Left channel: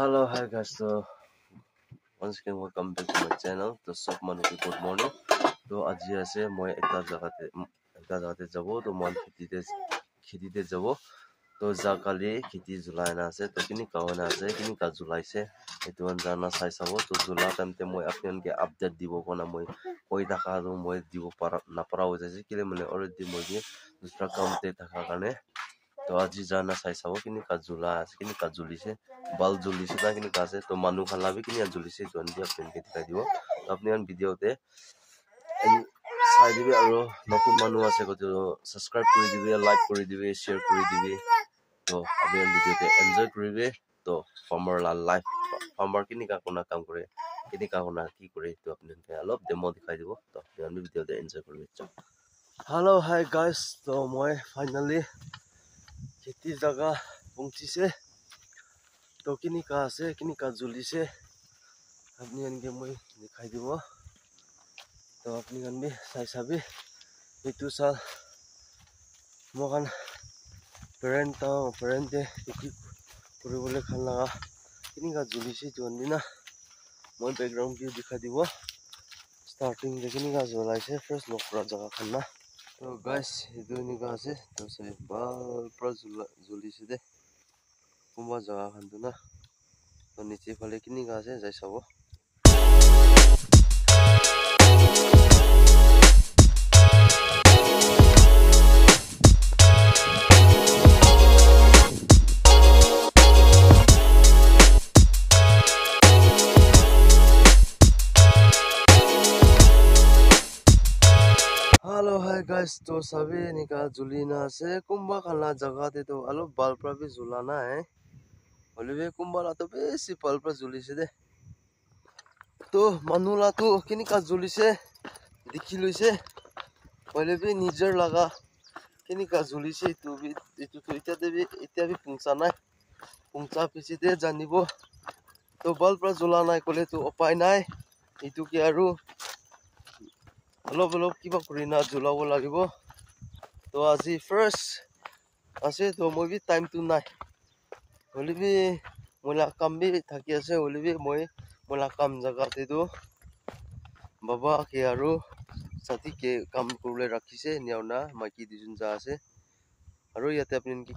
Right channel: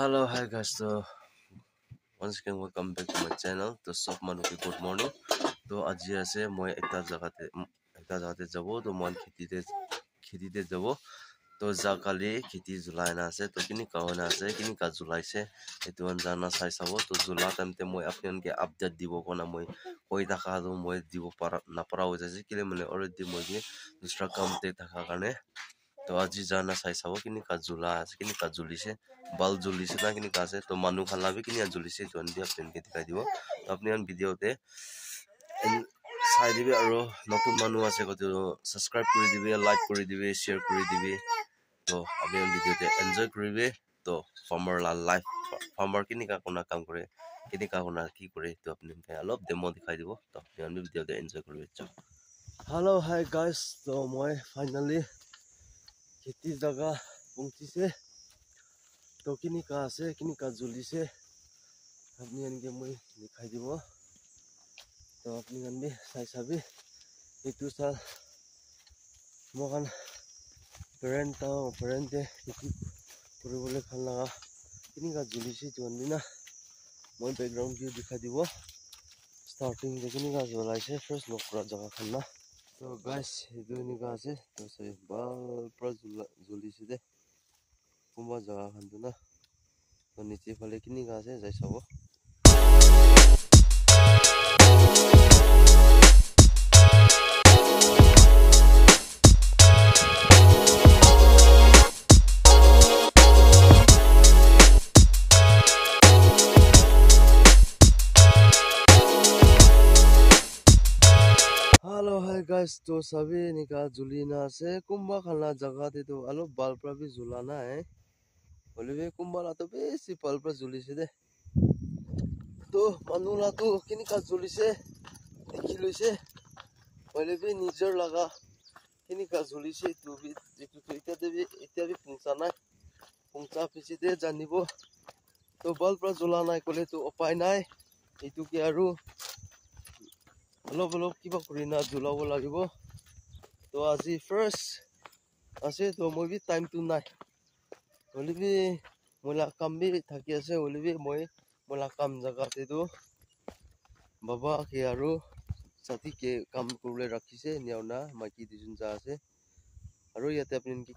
Hello, hi guys. So once again, welcome back to my channel. To Sob Manuki, good morning. To আজি আছে মই এটা জাগাতে যাব তো মই খেতিতে যাব তো জাকালি খেতি জুলাই না আছে তো কিনি কাহনা আছে কিনি কা জুলাইছে এটো জানা চাই চাব তো জুলা টাইমতে মই আপোনালোকে আপডেট দিব কোনা মই কৈ থাকা আৰু মই দিব নাপাৰা হৈ যাইছে কিলে মানে অলৰেডি মই দুসৰা কামতে থাকা কাৰণে তো আজি জানা চাই চাব কিনি কা জুলা আছে কিনি কা জুলিছে বাল জুলিছে না কিনি কা আছে তো মানুহ খালাবি কিনি জুলিছে তো আমি আপোনালোকে দেখাই দিব তো আপুনি ভিডিওতে চাই দিবি আৰু নতুন মানুহ আছে গতে সাবস্ক্ৰাইব কৰি দিবি লাইক কৰি দিবি শেয়াৰ কৰি দিবি তো আপুনি ভিডিওতে এনজয় কৰিবি তো ফাৰ্মাৰ লাইফ ফাৰ্মাৰ কিনি কা কোনা কাম কৰে কিনি কা কোনা কি কৰে তো আপোনালোকে অলপ ডেমো দেখাই দিব তো আপুনি ভিডিওতে এনজয় কৰিবি हेलो हाय गाइस तो मैं फाइनली खेती जगह पहुंचीसे तो किनी का আছে किनी का जुलिसे अपनी अनके मैं दिखाई দিব तो अपनी अनबी साइ साबी इतु साल मोहन पेरेंट खेती কৰিবলৈ খান লাগা किनी का जुलिसे तो अंदिना मैं बैकग्राउंड व्यू दिखाई দিব स्टार्टिंग जे किनी का जुलाइसे फर्स्ट लॉक पूरा जगह खाना तो गाइस इधर निकाल से तो से बाल पर जुलिसे दे कुंभा जगह खान ना तो नीचे फले की निकाल से जैसा वो हेलो हाय गाइस तो सभी निकाल जुलीना से कुंभा खाना जगह दे तो अलो बाल पर भी जुलाना है बोले कुंभा तो बेसी बाल पर जुली से दे तो मनुला तो किनी का जुली से देखी ली से बोले भी निजर लगा किनी का जुली से तो भी इत्या भी पुंसा ना पुंसा पीछे दे जानिबो तो बाल पर जुलाना कोले तो उपाय ना इतु के आरु অলপ কিবা কৰি না জুলাব লাগিব তো আজি ফার্স্ট আছে তো মই বি টাইম টু নাই হলিবি মোলা কাম বি থাকি আছে হলিবি মই মোলা কাম জাগাতে তো বাবা কে আৰু সাথী কে কাম কৰিবলৈ ৰাখিছে নিয়াওনা মাইকি দুজন যা আছে আৰু ইয়াতে আপুনি কি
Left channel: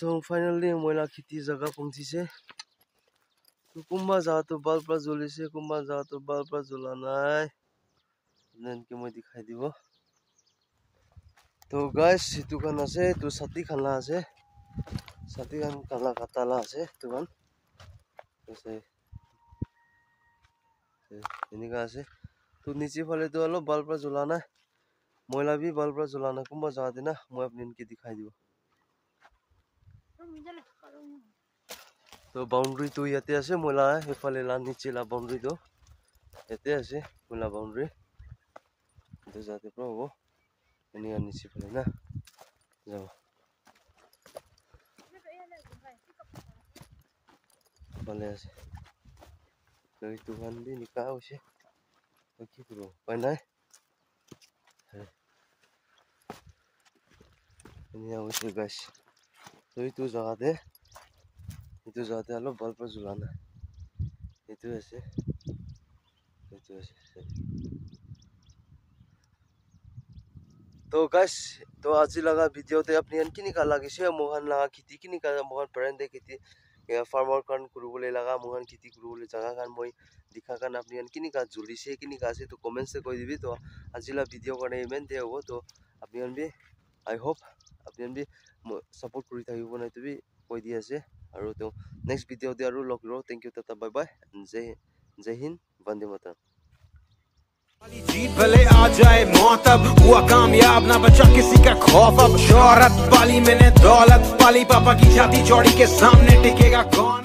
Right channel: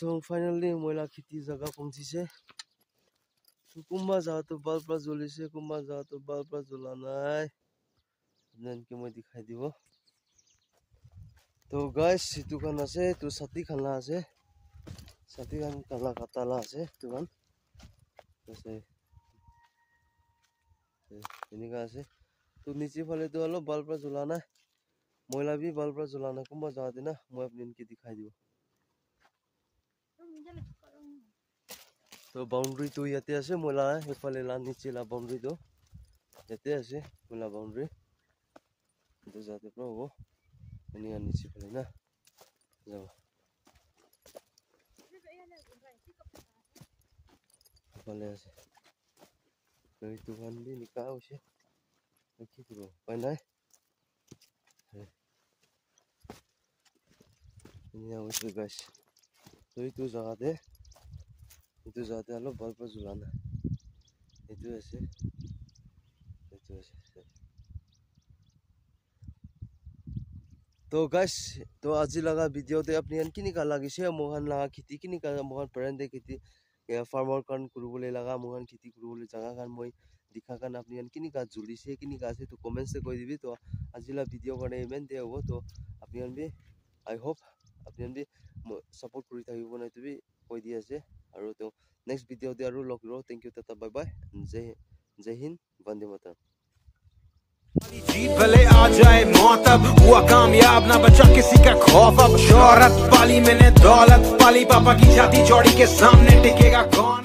तो फाइनली मोला खेती जगह पहुंची से तो कुंभा जा तो बाल पर जुली से कुंभा जा तो बाल पर जुलाना है नन के मैं दिखाई দিব तो गाइस दुकान আছে तो साथी खाना আছে साथी खान काला काताला আছে दुकान ऐसे इनका আছে तो नीचे वाले तो अलग बाल पर जुलाना मोला भी बाल पर जुलाना कुंभा जा देना मैं अपने इनके दिखाई দিব तो बाउंड्री तो याते আছে मोला एफाले ला नीचे ला बाउंड्री तो याते আছে मोला बाउंड्री तो जाते प्रो वो ini am नीचे फले ना जाओ फले আছে तो दुकान भी निकाह होছে तो की करो पाइ নাই ini होছে गाइस तो itu জায়গাতে আলো বাল पर जुलाना itu আছে तो गाइस तो আজি लगा वीडियो ते अपनी अन किनी का लागिसे मोहन लगा खेती किनी का मोहन पेरेंट खेती या फार्मर कान कुरुबले लगा मोहन खेती कुरुबले जगह कान মই दिखा कान अपनी अन किनी का जुलिसे किनी का से तो कमेंट से कोई दिबी तो আজি ला वीडियो काने इमेन दे हो तो अपनी अन भी आई होप अपनी अन भी सपोर्ट करि থাকিব নাই তো भी कोई দি আছে আৰু তো नेक्स्ट वीडियो दे আৰু लग रो thank you tata bye bye जय हिंद वंदे मातरम। जीत भले आ जाए मौत, अब हुआ कामयाब ना बचा किसी का खौफ। अब शोहरत पाली मैंने दौलत पाली, पापा की छाती चौड़ी के सामने टिकेगा कौन।